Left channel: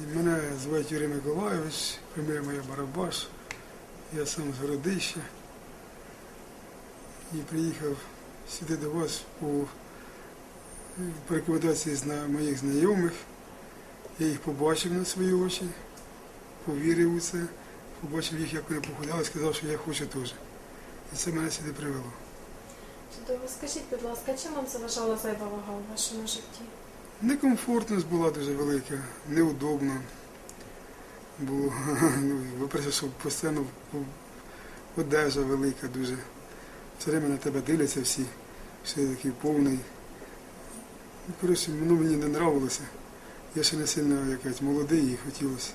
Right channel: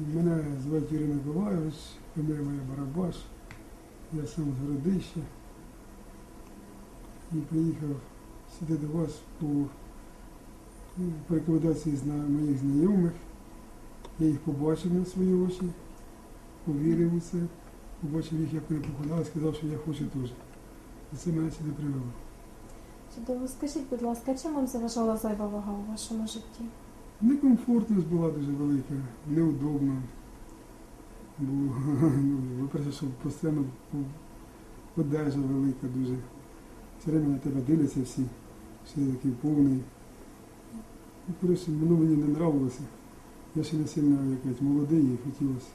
Мене звати Юрій Миколайович, фамілія моя Барабаш. Я сам з Городища. І приїхав сюди до вас по, по рекомендації моїх знайомих. Я їх побачив на свої очі, повірив у це, побачив їх, як вони похудали, сказав, що я хочу теж. І це мене сюди привело. Чудово. Скажіть, будь ласка, чим вам заважала зайва вага у вашому житті? Некомфортність була дуже велика, неудобно. Бо, ну, по-перше, що постійно одежа велика дуже. Все время на тебе дивляться всі, я такий повний. Ну, Коротше, воно мені не нравилося. Я ще не сильно якась молодий і хотілося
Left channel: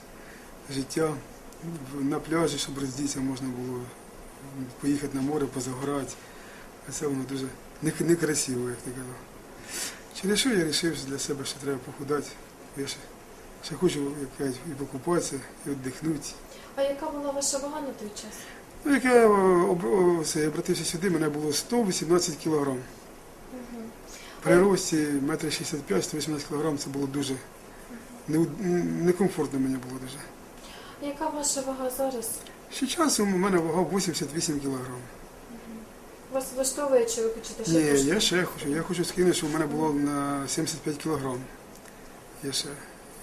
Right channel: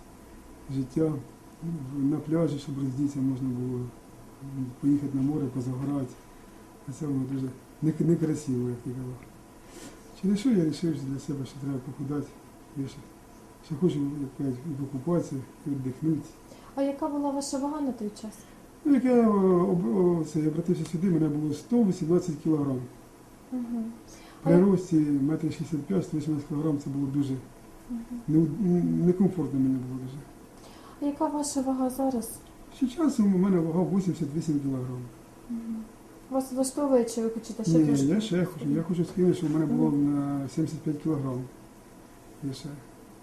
життя на пляжі, щоб роздітися можна було поїхати на море, позагорати. А це воно дуже некрасиво, як ти казав. Через що я вирішив для себе, що треба похудати. Я ще, ще хочу і покупатися, і віддихнути. А яка була ваша вага на той час? Ну, як я обратився сюди, мене було 118 кілограм. Угу. При рості 1,65 118 кілограм це було дуже не, некомфортно мені було дуже. А Яка ваша вага зараз? Ще часом у мене вага 88 кілограм. Угу. Вас влаштовує, чи ви хочете ще Ні, трошки? я ще хочу. Я хочу скинути, щоб у мене було на 75 кілограм. Я ще,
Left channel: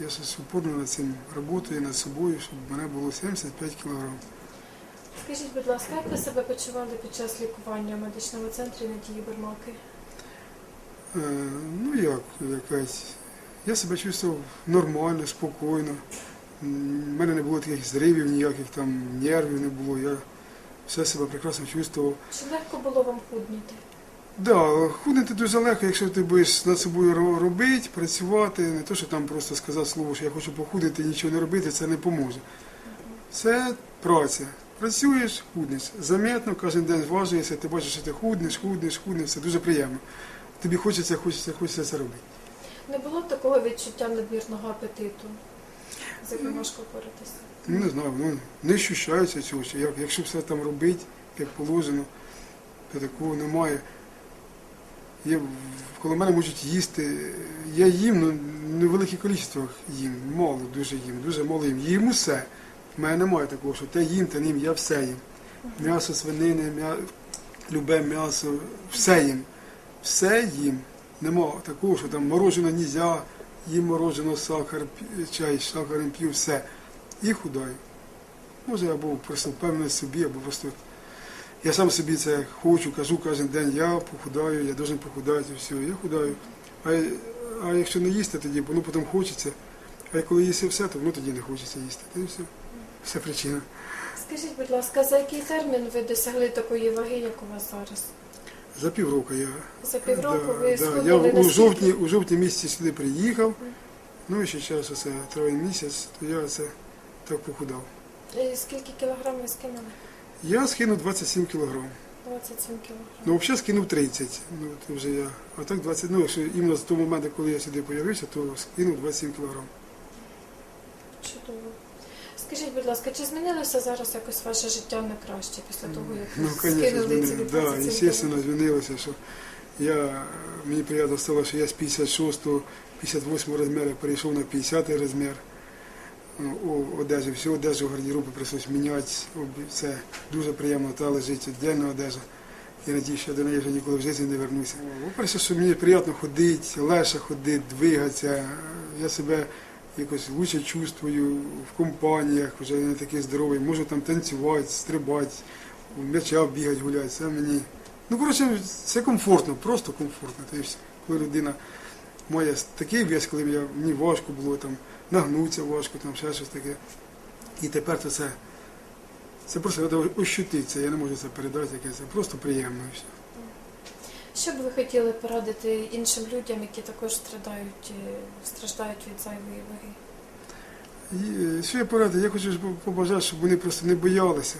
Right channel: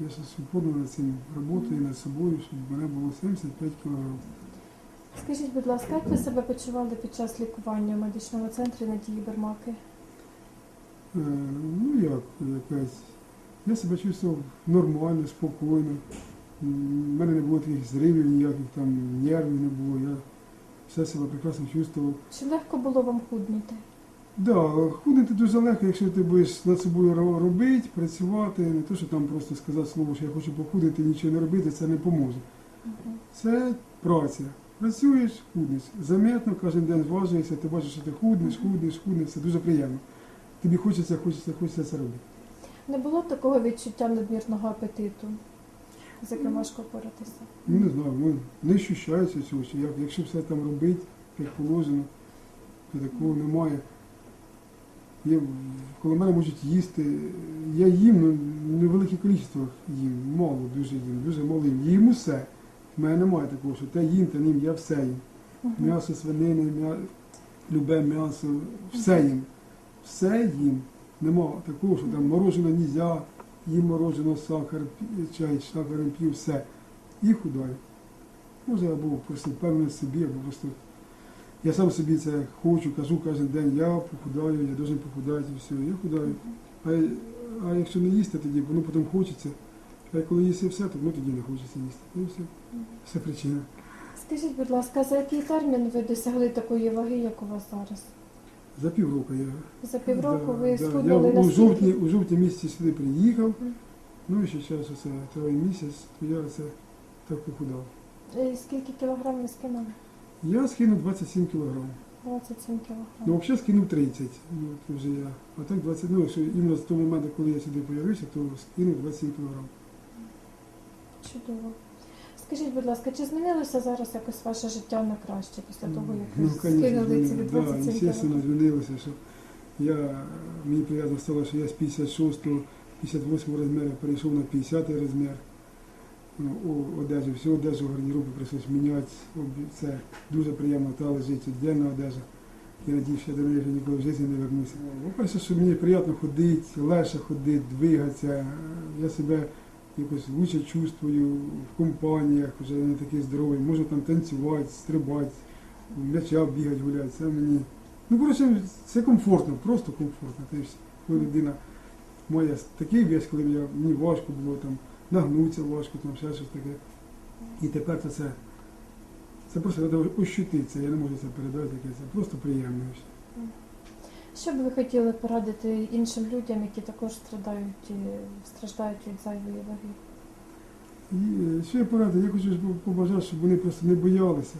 я ще упорно над цим працюю над собою, щоб у мене було 75 кілограм. Скажіть, будь ласка, як ви себе почували під час лікування в медичному центрі Надії Бермаки? Е, ну як, якась. Я себе чувствував нормально, спокійно. У мене не було таких зривів, ніяких там нервів не було. Я все себе прекрасно чувствував. Чи легко було вам худнути? Да, худнути дуже легко, якщо ти будеш над собою робити, працювати, не то, що там просто сказати слово, що я хочу похудити і нічого не робити, це не поможе. Угу. Це праця. Працюєш, худнеш. Заметно, кожен день зважуєшся, ти бачиш, що ти худнеш, худнеш, худнеш, це дуже приємно. Тобі хочеться, хочеться, хочеться це робити. Не було такого відчуття надмірного апетиту, з яким важко? Ну, не знаю, ну, не ощущається цього, що як, якщо все там робити, як положено, то такого немає. Я, коли мене можуть їсти, я їм, ну, в невеликих кількостях їм, мало дуже їм, дуже мало їм. Їм усе. У мене немає такого, що те їм, те не їм, я все їм. М'ясо, свинини, м'я... любе м'ясо, все їм. Все їм. Нема такого, що там морожене нельзя, їм морожене, сахар, чай, сахаром п'ю, все. І худаю. Може, або просто впевнений собі, або просто. Я сам собі це хочу, кажу кожен день, я похудаю, я должен похудати, все, я худаю. А, а якщо не їсти, тоді воно потім хочеться. А коли їсти все, то воно тоді не хочеться їсти. І все. Вся причина. Скажіть, будь ласка, за який термін ви досягли такої ваги, як у вас зараз? За півроку я. За півроку Да, ви да. схуднули Я у жовтні, у жовтні місяці сюди приїхав. Ну і ще час оце триває місяць, то я це так похудав. І Скільки кілограм ви скинули? Я скинув 27 кілограм. 27 кілограм. Ну, взагалі скинув 30. Ну, то вже я. А так 20. Ну, якщо іменно з того моменту, коли я сюди з'явився, то скинув 27 кілограм. Чудово. Скажіть, будь ласка, чи змінилося зараз якось ваше життя на краще після того, як ви Ну, звісно, скинули ці змінилося. Да, 27 звісно, змінилося, що я, мені приємно стало, що я з 56 58 розміру перейшов на 50-й розмір. Ну, о- одежу, всю одежу гардеробу прийшлось міняти. Об- Це дуже приємно, та лежить віддільна одежа. Я надію, що я до неї вже ніколи в житті не вернуся. По-перше, що мені приємно ходити, легше ходити, двигатися. Я себе якось лучше чувствую в компаніях, вже не такий здоровий. Можу там танцювати, стрибати, м'яча бігати, гуляти. Це мені. Ну, коротше, це комфортно, просто комфортно. Тобто, коли людина має такий вес, коли мені важко було там нагнутися важко, там ще щось таке. І тепер то це. Це просто треба ощутити я не можу це передати, яке це просто приємно. Що б ви хотіли порадити іншим людям, які також страдають, е, страждають від зайвої ваги? Е, що я порадив? Я хочу побажати, щоб вони просто не боялися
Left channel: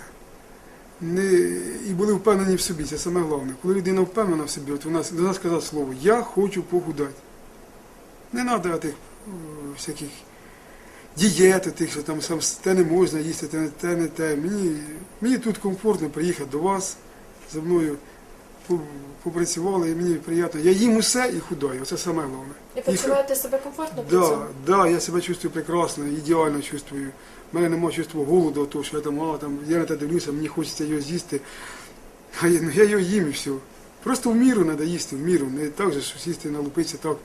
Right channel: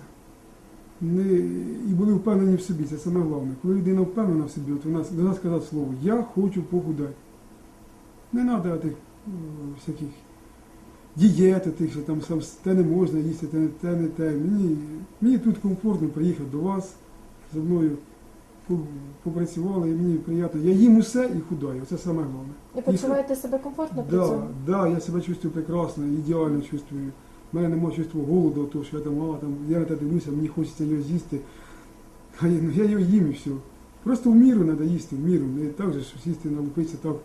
не, і були впевнені в собі. Це саме головне. Коли людина впевнена в собі, от вона до нас сказати слово Я хочу похудати. Не треба тих всяких дієт, тих, що там сам те не можна їсти, те не те, не те. Мені, мені тут комфортно приїхати до вас, за мною попрацювали, і мені приємно. Я їм усе і худаю, це саме головне. І почуваєте себе комфортно при цьому? да, я себе чувствую прекрасно, ідеально чувствую. У мене немає чувства голоду, того, що я там, а, там, я на те дивлюся, мені хочеться його з'їсти. А я, ну, я його їм і все. Просто в міру треба їсти, в міру. Не так же, що сісти налупитися так,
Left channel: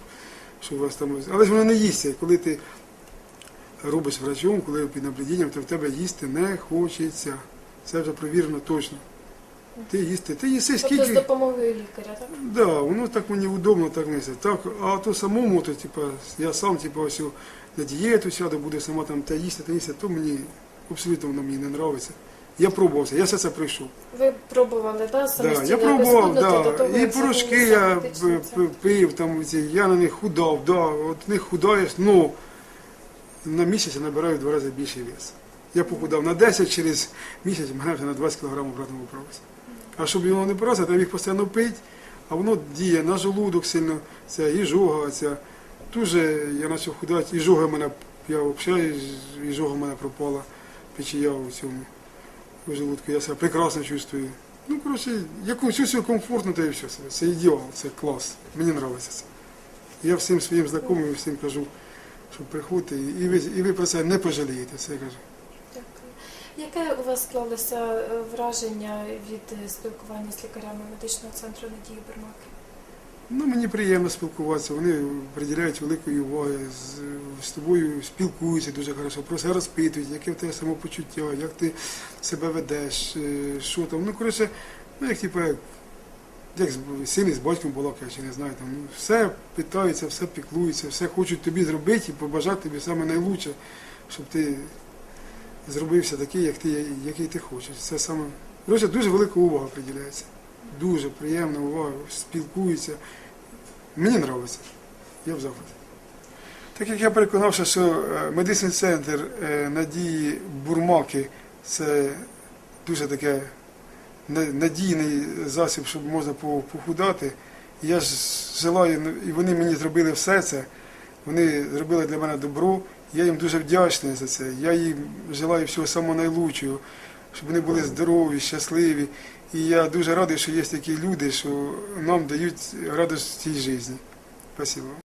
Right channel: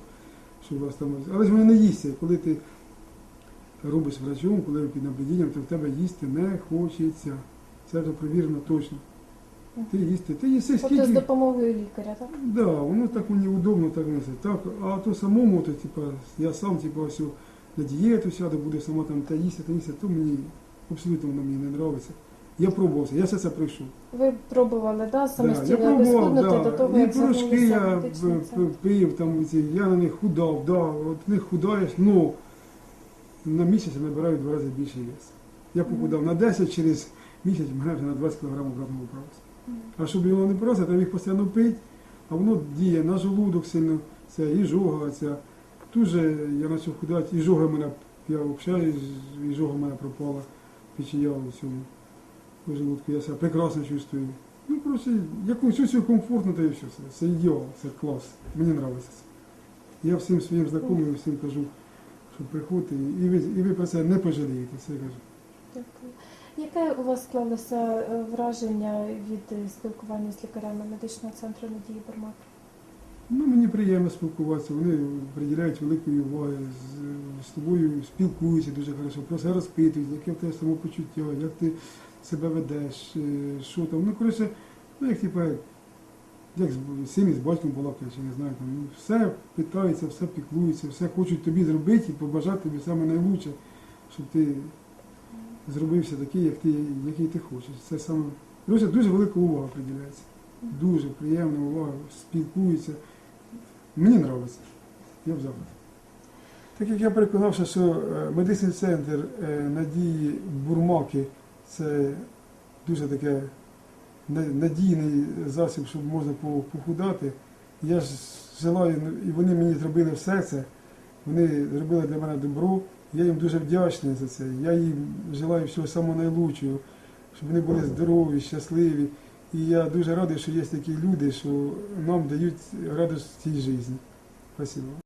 що у вас там. Але ж воно не їсться. Коли ти робиш врачом, коли під наблюдінням, то в тебе їсти не хочеться. Це вже провірено точно. Ти їсти, ти їси Тобто з допомогою лікаря, так? Да, воно так мені удобно так несе. Так, а то самому, то типа, я сам типа ось на дієту сяду, буде сама там та їсти, та їсти, то мені абсолютно воно мені не подобається. Я пробувався, я все це пройшов. Ви пробували, да, Да, самостійно я пробував, да. до того, і як порошки я п- п- пив, там, ці, я на них худав, да, от них худаєш, ну на місяць я набираю в два рази більший вес. Я похудав на 10, через місяць в мене вже на 20 кг обратно виправився. А щоб його не поразити, треба їх постійно пити, а воно діє на желудок сильно, це і жога, ця. Дуже я почав худати, і жога в мене, я взагалі, і жога в мене пропала, печія у цьому у желудку, я себе прекрасно чувствую. Ну, коротше, яку чувствую комфортно, та і все. Це, ідеал, це клас. Мені подобається це. Я всім своїм знайомим, всім кажу, що приходьте, і ви, і ви про це не пожалієте, це я кажу. Дякую. Яке у вас склалося е, враження від е, спілкування з лікарями медичного центру Надії Бермаки? Ну, мені приємно спілкуватися, вони приділяють великої уваги, з, з тобою спілкуються дуже хорошо, про все розпитують, яке в тебе самопочуття, як ти себе ведеш, е, що там. Ну, коротше, ну, як типу, як, як син із батьком балакає, чи не знаю, там, ну, все питаються, все піклуються, все хочуть тобі зробити і побажати тобі саме найкраще, щоб ти зробився такий, як ти, який ти хочеш. Це саме. Коротше, дуже велика увага приділяється. Дуже приємна увага, спілкуються. Мені подобається. Я в захваті. Так як я переконався, що е, медичний центр е, Надії Бурмаки це дуже таке надійний засіб, щоб можна похудати. Я ж желаю, ну, і вони мені зробили все це. Вони зробили для мене добро. Я їм дуже вдячний за це. Я їм желаю всього самого найлучшого, щоб вони були здорові, щасливі. І я дуже радий, що є такі люди, що нам дають радість цій житті. Спасибо.